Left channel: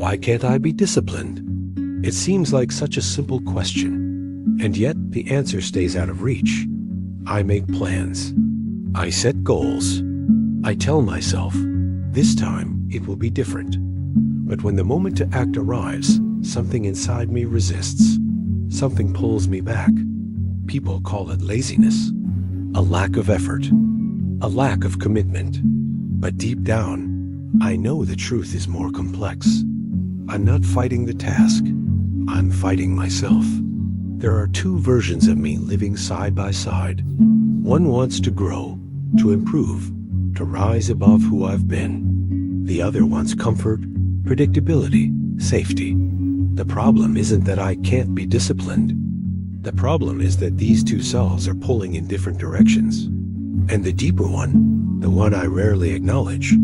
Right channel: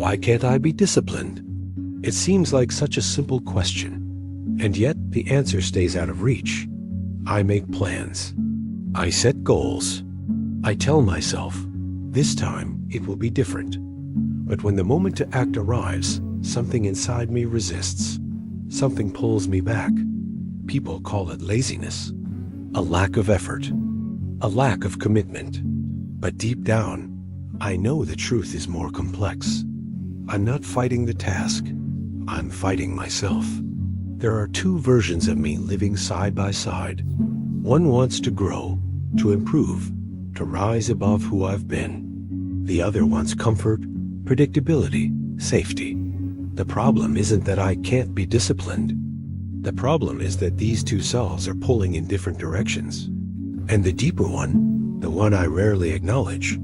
Why can't I be disciplined? It seems like such a simple question, and yet the answer stays out of reach. I make plans. I set goals. I tell myself, this time it will be different. But when the moment to act arrives, something inside me resists. Something pulls me back. People call it laziness, a lack of effort, a lack of commitment. But deep down, I know the truth is more complex. I'm not fighting the task. I'm fighting myself. There are two versions of me living side by side. One wants to grow, to improve, to rise above who I've been. The other wants comfort, predictability, safety. The problem isn't that I can't be disciplined. The problem is that these two selves are pulling in different directions. And the deeper one, the one I rarely acknowledge,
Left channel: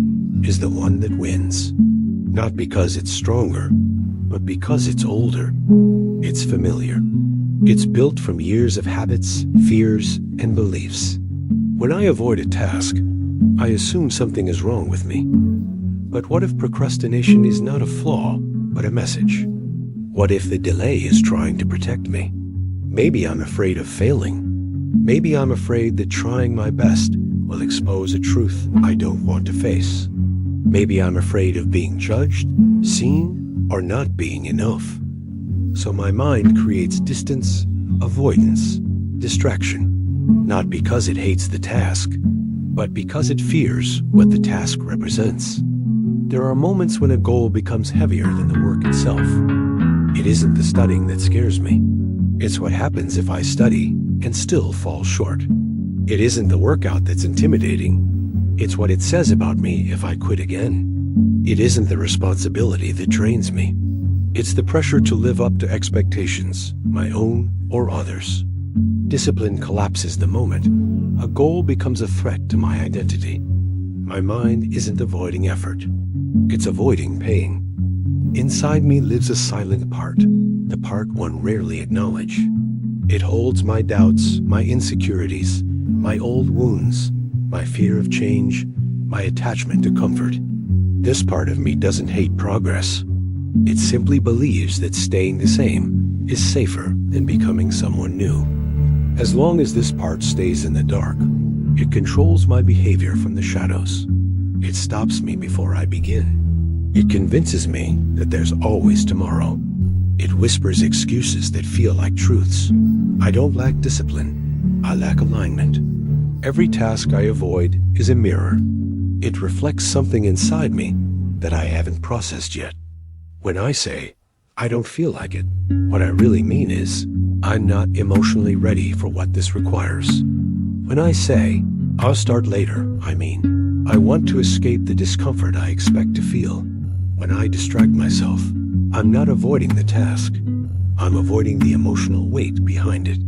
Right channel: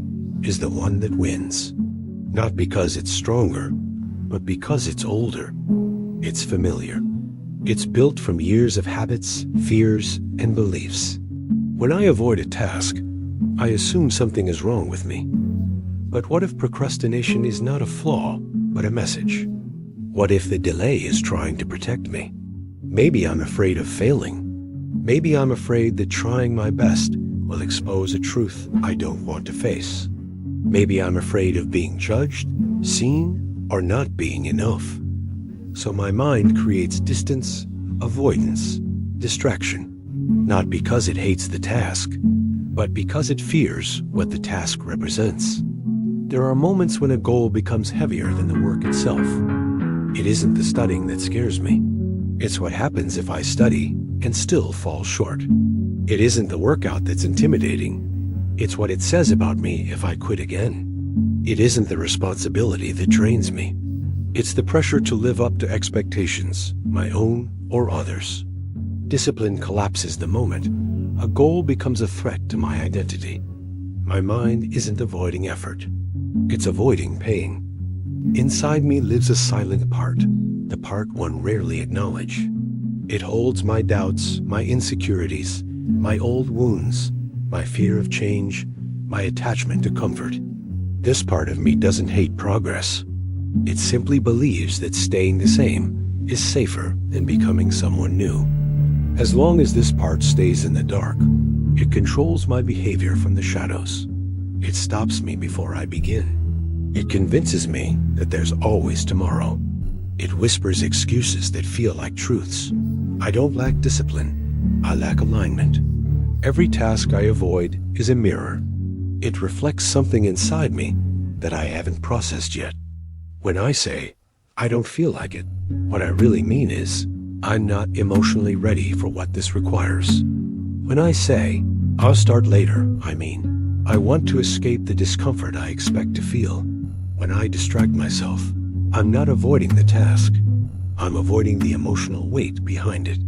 is the one that wins. Not because it's stronger, but because it's older. It's familiar. It's built from years of habits, fears, and beliefs. When I avoid a task, I assume something is wrong with me. But what if procrastination is not a flaw, but a message? What if the delay is trying to protect me? Maybe I'm afraid of failing. Maybe I'm afraid that trying my best will expose a truth I don't want to face. Maybe I'm afraid of being judged, seen, or not being enough. So my mind creates distance, avoidance, distraction. Not because it hates the task, but because it fears what the task represents. There are moments when a goal becomes heavier than the work itself. It isn't the studying that scares me. It's what happens if I study and still fall short. It isn't the workout that's intimidating. It's what it says about me if I quit again. It isn't the responsibility that drains me. It's the pressure to live up to expectations, my own or others. Discipline collapses the moment a goal becomes a threat to my identity. My mind isn't avoiding effort. It's avoiding pain. Inside me lives a silent part, the part one rarely acknowledges. It holds my doubts, my insecurities, my old wounds, my fear of change, my attachment to comfort. This part of me doesn't hate progress. It simply believes that staying the same is safer than becoming someone new. As long as this part stays in the dark, it controls my behavior from the shadows. It stops me before I begin. It convinces me that there's always tomorrow. It whispers excuses that feel like truths. I don't lack discipline. I lack alignment. Every task I avoid is a mirror. It reflects something inside me that I haven't processed yet. When I say, I don't feel like it, what I really mean is, I'm not emotionally ready for what this requires. When I say, I'll start later, I mean, I want to escape the discomfort I expect to feel. When I distract myself, I'm not avoiding the task. I'm avoiding the emotional weight behind it.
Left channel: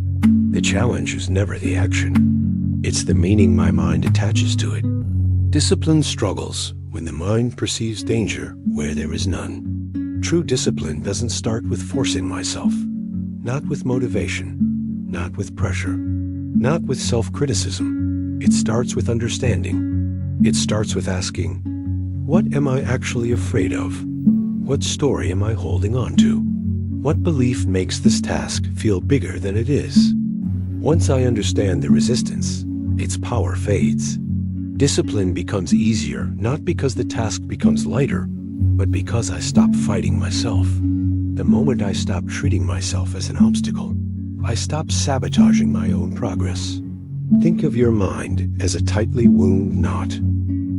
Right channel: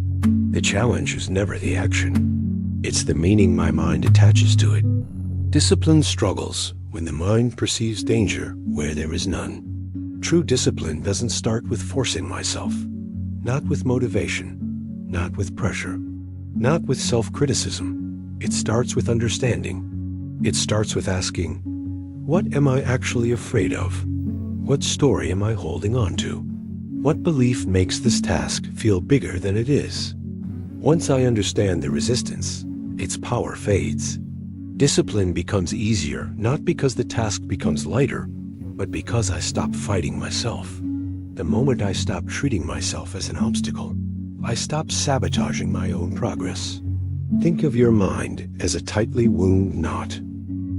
The challenge is never the action. It's the meaning my mind attaches to it. Discipline struggles when the mind perceives danger where there is none. True discipline doesn't start with forcing myself, not with motivation, not with pressure, not with self-criticism. It starts with understanding. It starts with asking, what am I actually afraid of? What story am I holding on to? What belief makes this task feel bigger than it is? Once I understand the resistance, its power fades. Discipline becomes easier, not because the task becomes lighter, but because I stop fighting myself. The moment I stop treating myself as an obstacle, I stop sabotaging my own progress. Think of your mind as a tightly wound knot.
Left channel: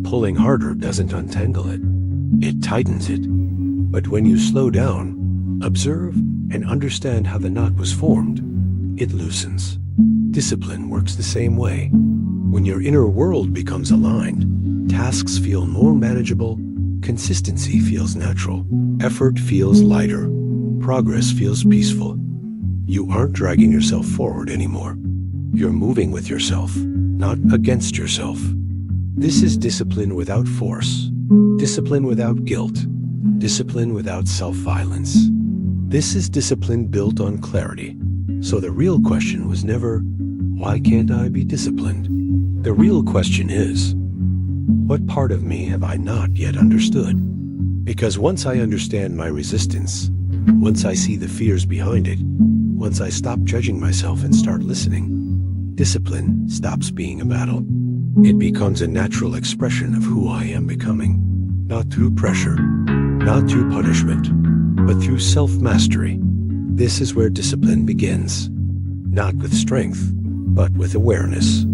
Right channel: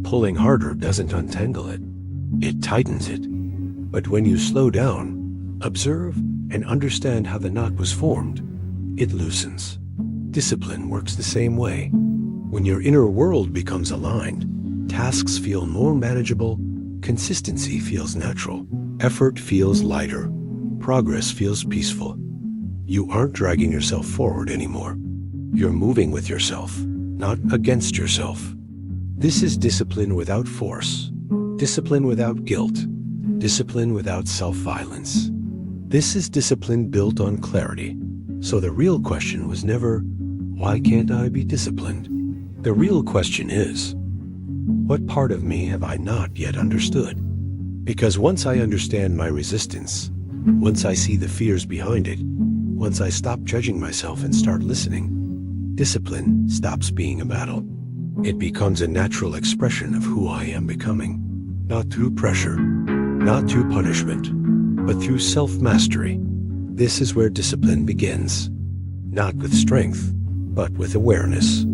Pulling harder doesn't untangle it. It tightens it. But when you slow down, observe, and understand how the knot was formed, it loosens. Discipline works the same way. When your inner world becomes aligned, tasks feel more manageable, consistency feels natural, effort feels lighter, progress feels peaceful. You aren't dragging yourself forward anymore. You're moving with yourself, not against yourself. This is discipline without force, discipline without guilt, discipline without self-violence. This is discipline built on clarity. So the real question was never, why can't I be disciplined? The real question is, what part of me have I not yet understood? Because once I understand my resistance, once I see the fears behind it, once I stop judging myself and start listening, discipline stops being a battle. It becomes a natural expression of who I am becoming, not through pressure, not through punishment, but through self-mastery. This is where discipline begins, not with strength, but with awareness.